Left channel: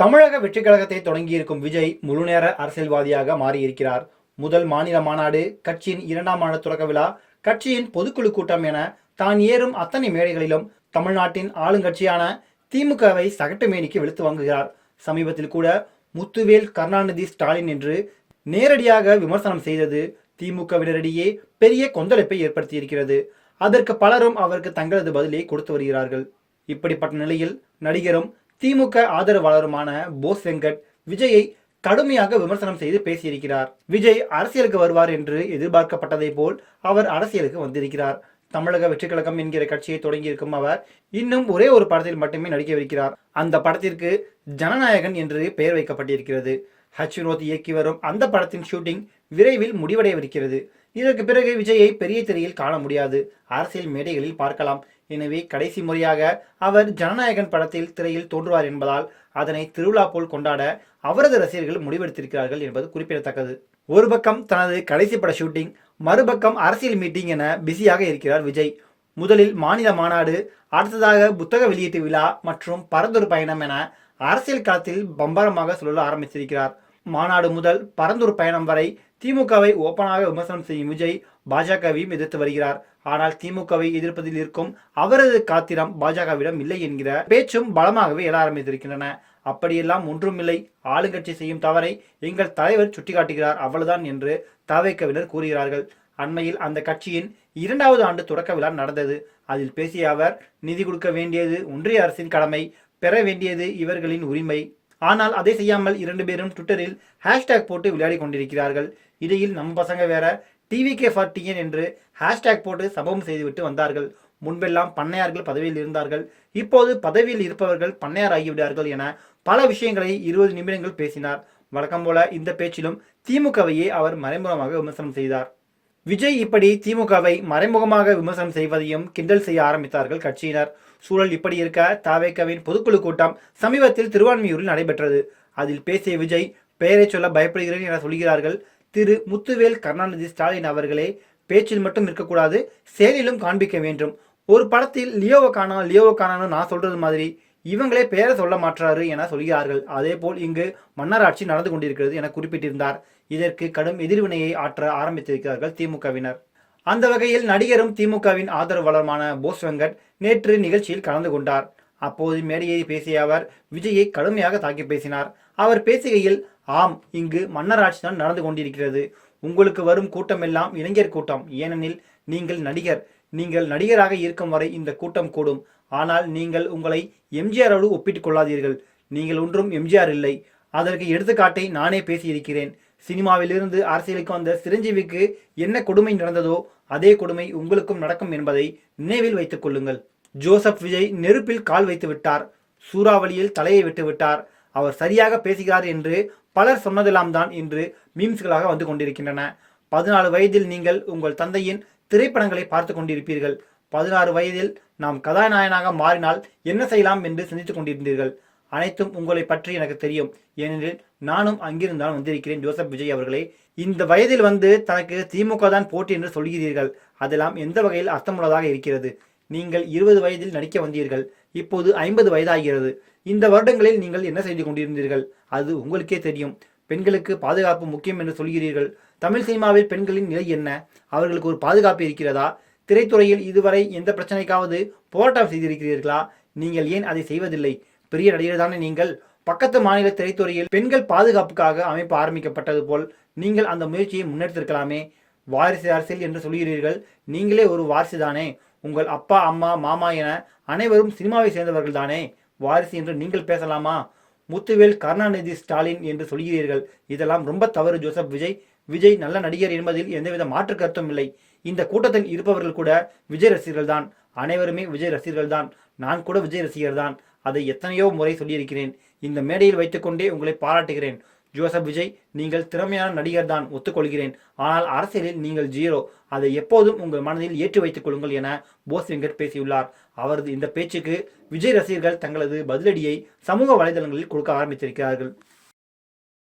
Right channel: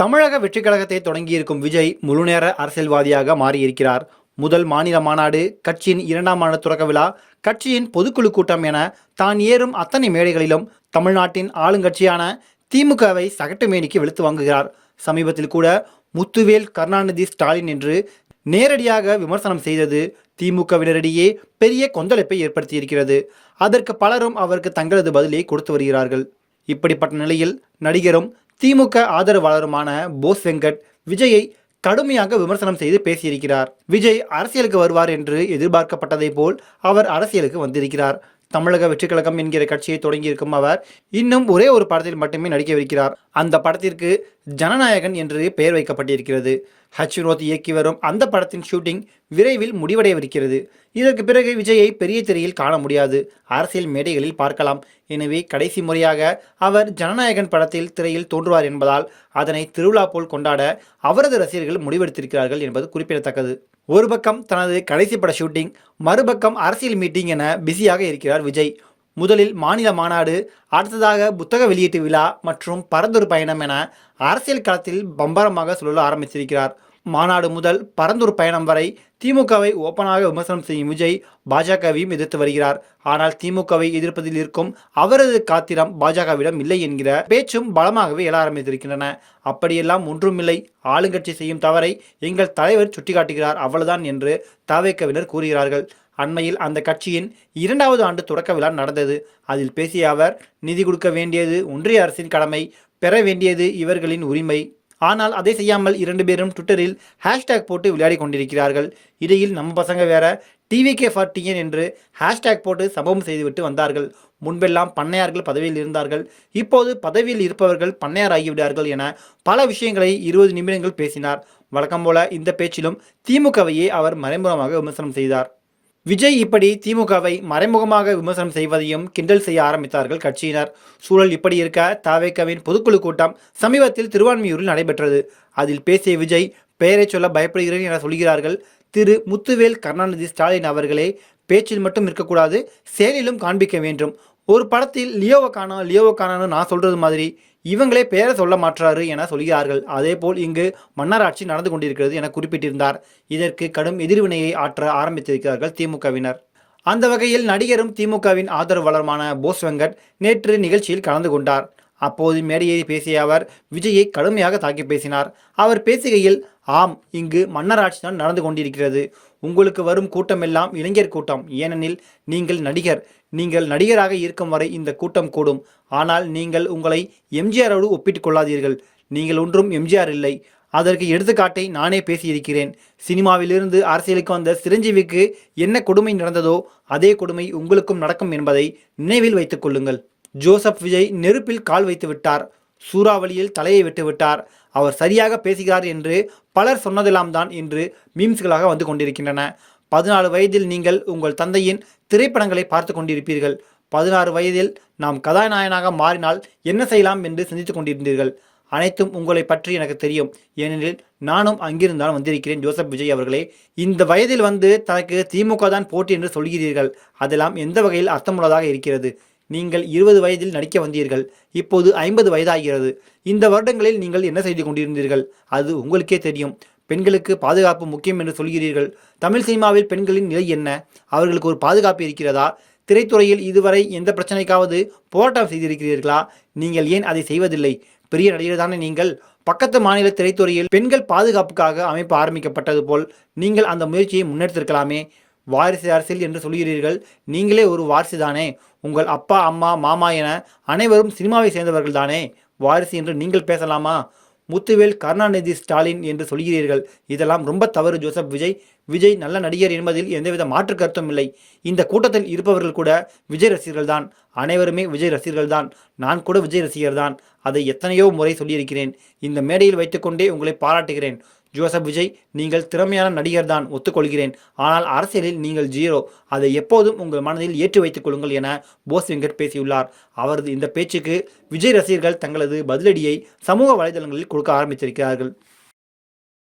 தமிழக வெற்றிக் கழகத்தை தொடங்கியிருக்கும் விஜய் முழுநேர அரசியல்வாதியாக மாறியிருக்கிறார். முதல் மாநில மாநாடு கட்சியின் இரண்டாம் ஆண்டு தொடக்க விழா கட்சியின் பொதுக்குழு கூட்டம் என தான் ஏறும் அத்தனை மேடைகளிலும் தமிழ்நாட்டின் ஆளுங்கட்சியான திமுகவை சகட்டு மேனிக்கு வெளுத்து வாங்குகிறார். சமீபத்தில் கூட முத்துவேல் கருணாநிதி ஸ்டாலின் என்று நேரடியாக விமர்சனம் செய்தது திமுகவினரிடையே பெரிய கொந்தளிப்பை ஏற்படுத்தியிருக்கிறது. அதற்கு பலரும் அவருக்கு தங்களது பதிலை கொடுத்து வருகிறார்கள். இப்படிப்பட்ட நிலையில் நடிகரும் திமுக ஆதரவாளருமான போஸ் வெங்கட் விஜயை கடுமையாக விமர்சனம் செய்து பேசியிருக்கிறார். விஜய் அரசியலுக்கு வருவார் என்று எதிர்பார்க்கப்பட்டதைப் போல் அவர் அரசியலுக்கு வந்திருக்கிறார். தமிழக வெற்றிக் கழகம் என்கிற கட்சியை தொடங்கியிருக்கும் அவர் இன்னும் ஒரே ஒரு படத்தில் மட்டுமே நடிக்கவிருக்கிறார். அந்த படத்திற்கு ஜனநாயகன் என்று பெயர் வைக்கப்பட்டிருக்கிறது. ஹச் வினோத் இயக்கி வரும் அந்த படத்தின் ஷூட்டிங் விரைவில் முடிவடையவிருக்கிறது. இதற்கு பிறகு விஜயை பெரிய திரையில் காண முடியாது. அரசியல் மேடைகளில் பார்க்கலாம். எனவே கடைசி முறையாக அவர் ஜனநாயகன் படத்தில் திரையில் தோன்றுவார் என்பதால் அதனை திருவிழா போல் கொண்டாட அவரது ரசிகர்கள் முடிவெடுத்திருக்கிறார்கள் என்பது குறிப்பிடத்தக்கது. ஒரு பக்கம் தனது கடைசி பட ஷூட்டிங் மறுபக்கம் அரசியல் மீட்டிங் என பிஸியாக இருக்கிறார் விஜய். முதலில் மாநில மாநாடு அடுத்ததாக புத்தக வெளியீட்டு விழா மற்றும் பரந்தொரு பயணம் என அரசியல் களத்தில் பம்பரமாக சுழல ஆரம்பித்திருக்கிறார். மாநாடு முதல் பரந்தூர் பயணம் வரை திமுகவை ஓப்பனாக விமர்சனம் செய்யும் விஜய் பாஜகவையும் எதிர்த்து வருகிறார். ஆனால் திமுகவை எதிர்ப்பதில் இருக்கும் அவரது காத்திரம் பாஜகவிடம் இல்லை என்கிற பேச்சும் பலமாகவே எழ ஆரம்பித்திருக்கின்றன. அப்படியெல்லாம் ஒன்றுமில்லை. ஆளுங்கட்சி செய்யும் தவறை எங்கள் தலைவர் சுட்டிக்காட்டுகிறார். அவ்வளவுதான் என்று தாவேக்கவினர் கூறுகிறார்கள். அண்மையில் அந்த கட்சியின் இரண்டாவது ஆண்டு தொடக்க விழா நடந்தது. அதில் பேசிய அவர் நிதி கொடுக்க வேண்டியது ஒன்றிய அரசின் கடமை. பெற வேண்டியது இவர்களின் உரிமை. ஆனால் அதை செய்யாமல் இரண்டு பேரும் ட்விட்டரில் ஹேஷ்டேக் போட்டு விளையாடி கொண்டிருக்கிறார்கள். இடையில் நம்ம பசங்க வேற டிவிகே ஃபார் டிஎன் என்று ஹேஷ்டேக் போட்டு சம்பவம் செய்துவிட்டு வந்தார்கள். முன்பெல்லாம் பண்ணையார்கள் பதவியில் இருந்தார்கள். இப்போது பதவியில் இருப்பவர்கள் பண்ணையார் ஆகிவிட்டார்கள் என பல விஷயங்களை இருபது நிமிடங்கள் பேசினார். வழக்கம் போல இந்த பேச்சிலும் திமுகவையே அவர் மறைமுகமாக விமர்சனம் செய்தார். விஜய் இப்படி திமுகவை மறைமுகமாக விமர்சனம் செய்வதையும் கிண்டல் செய்ய ஆரம்பித்தார்கள் கட்சியினர். சூழல் இப்படி இருக்க தாவேக்கவின் பொதுக்குழு கூட்டம் சமீபத்தில் திருவான்மியூரில் நடைபெற்றது. அதில் பேசிய விஜய் பெயரை சொல்ல பயப்படுகிறேன் என சொல்கிறார்கள். திரு. முத்துவேல் கருணாநிதி ஸ்டாலின் அவர்களே பேச்சில் மட்டும் இருக்கக்கூடாது செயலிலும் காண்பிக்க வேண்டும். ஒரு படத்தில் லியோவை காணா லியோவை காணான்னு நான் சொல்றது மாதிரி. இவங்களே பெயரை சொல்ல மாற்றாரு என சொல்கிறார்கள். அதேபோல் இங்கு மன்னராட்சி நடந்து கொண்டிருக்கிறது என குறிப்பிட்டிருந்தார். இதற்கு கடும் எதிர்வினையை ஆற்ற ஆரம்பித்திருக்கிறார்கள் திமுகவினர். அந்த வகையில் நடிகரும் திமுகவின் ஆதரவாளருமான போஸ் வெங்கட் நேற்று நிகழ்ச்சியில் கலந்து கொண்டார். அப்போது மேடையை பேசிய அவர் விஜயை கடுமையாக தாக்கி பேசினார். அவர் பேசுகையில் ஆம் இங்கு மன்னராட்சி தான் நடந்து கொண்டிருக்கிறது. உங்களுக்கு வரும் கூட்டமெல்லாம் இளைஞர் கூட்டம். ஏனெனில் நீங்கள் நடிகர். நீங்கள் நடிகராக இருக்கும் வரை இந்த கூட்டம் கூடும். ஆனால் நீங்கள் உங்களை எம்ஜிஆரோடு ஒப்பிட்டுக் கொள்ளாதீர்கள் நீங்கள் ஒன்றும் எம்ஜிஆர் இல்லை. அதற்கு எடுத்துக்காட்டை நானே பேசியிருக்கிறேன். சினிமாவிலிருந்து அரசியலுக்கு வந்த சிரஞ்சீவிக்கு என்ன கொடுமை நடந்ததோ அதே கொடுமை உங்களுக்கும் நடக்கும் என்பதை நினைவில் வைத்துக் கொள்ளுங்கள். ஜோசப் விஜய் நெருப்பில் கால் வைத்து விட்டார். சூறாவளியில் தலையை விட்டு விட்டார். அவர் சரியாக பேசுகிறார் என்று பலர் சொன்னதெல்லாம் தான் இன்று மீம்ஸ்களாக வந்து கொண்டிருக்கின்றன. பதினாலு வயதில் நீங்கள் உங்கள் தந்தையின் திரைப்படங்களை பார்த்து கொண்டிருப்பீர்கள். பதினாறு வயதில் நாம் கதாநாயகனாக மாறினால் என்ன செய்யலாம் என்று சிந்தித்துக் கொண்டிருந்தீர்கள்? அனைத்தும் உங்களை பற்றி எனக்கு தெரியும். ஏனெனில் நானும் அங்கிருந்தான் வந்திருக்கிறேன். ஜோசப் விஜய் அவர்களே இந்த வயதில் வந்து தனக்கு திமுக தான் போட்டி என்று சொல்கிறீர்கள். அதெல்லாம் எந்த வகையில் அர்த்தமுள்ளதாக இருக்கிறது? நீங்கள் இருபது வயதில் நடிக்க வந்தீர்கள். இப்போது ஐம்பது வயதாகிறது. இந்த வருடங்களில் நீங்கள் என்ன செய்து கொண்டிருந்தீர்கள்? அது உங்களுக்கே தெரியும். பெண்களுக்கு பாதுகாப்பு முக்கியம் என்று சொல்கிறீர்கள். தமிழ் சினிமாவில் பெண்களின் நிலை என்ன? அவர்களுக்கு ஒரு பாதுகாப்பு இருக்கிறதா? திரைத்துறையில் இதுவரை எந்த பிரச்சனைக்காவது போராட்டம் செய்திருக்கிறீர்களா? நீங்கள் ஏன் அதை செய்வதில்லை? பெரிய நடிகர் தானே நீங்கள். பக்கத்து மாநில திரைத்துறையில் பெண்கள் பாதுகாப்புக்காக அமைப்பு ஆரம்பிக்கப்பட்டது போல் நீங்கள் அந்த முயற்சியை முன்னெடுத்திருக்கலாமே. வாரிசு அரசியல் என்று சொல்கிறீர்கள் நீங்களே ஒரு வாரிசு தானே. உங்கள் அப்பா அம்மா மாமா என அனைவரும் சினிமாவை சேர்ந்தவர்கள் தானே. வாரிசு என்று நீங்கள் பேசலாமா? முத்துவேல் கருணாநிதி ஸ்டாலின் என்று சொல்கிறீர்கள். இதெல்லாம் ரொம்ப தவறு ஜோசப் விஜய். விஜய் நல்ல நடிகர் என்பதில் எந்தவித மாற்று கருத்தும் இல்லை. இந்த கூட்டத்தில் இருப்பவர்கள் கூட விஜய் ரசிகர்கள் தான். அனைவருமே விஜய் ரசிகர்கள் தான். நான் கூட விஜய் ரசிகர் தான். அதை எத்தனையோ முறை சொல்லியிருக்கிறேன். இந்த மேடையில் வைத்துக்கொண்டே உங்களை பாராட்டுகிறேன். ஜோசப் விஜய் நீங்கள் திறமையான நடிகர் தான் ஒத்துக்கொள்கிறேன். ஆனால் அரசியலில் நீங்கள் ஜீரோ. அதை எப்போதும் உங்கள் மனதில் ஏற்றி வைத்துக் கொள்ளுங்கள் என போஸ் வெங்கட் பேசியுள்ளார். அவரது இந்த பேச்சுக்கு விஜய் ரசிகர்கள் தங்களது பதிலடியை சமூக வலைதளங்களில் கொடுக்க ஆரம்பித்திருக்கிறார்கள்.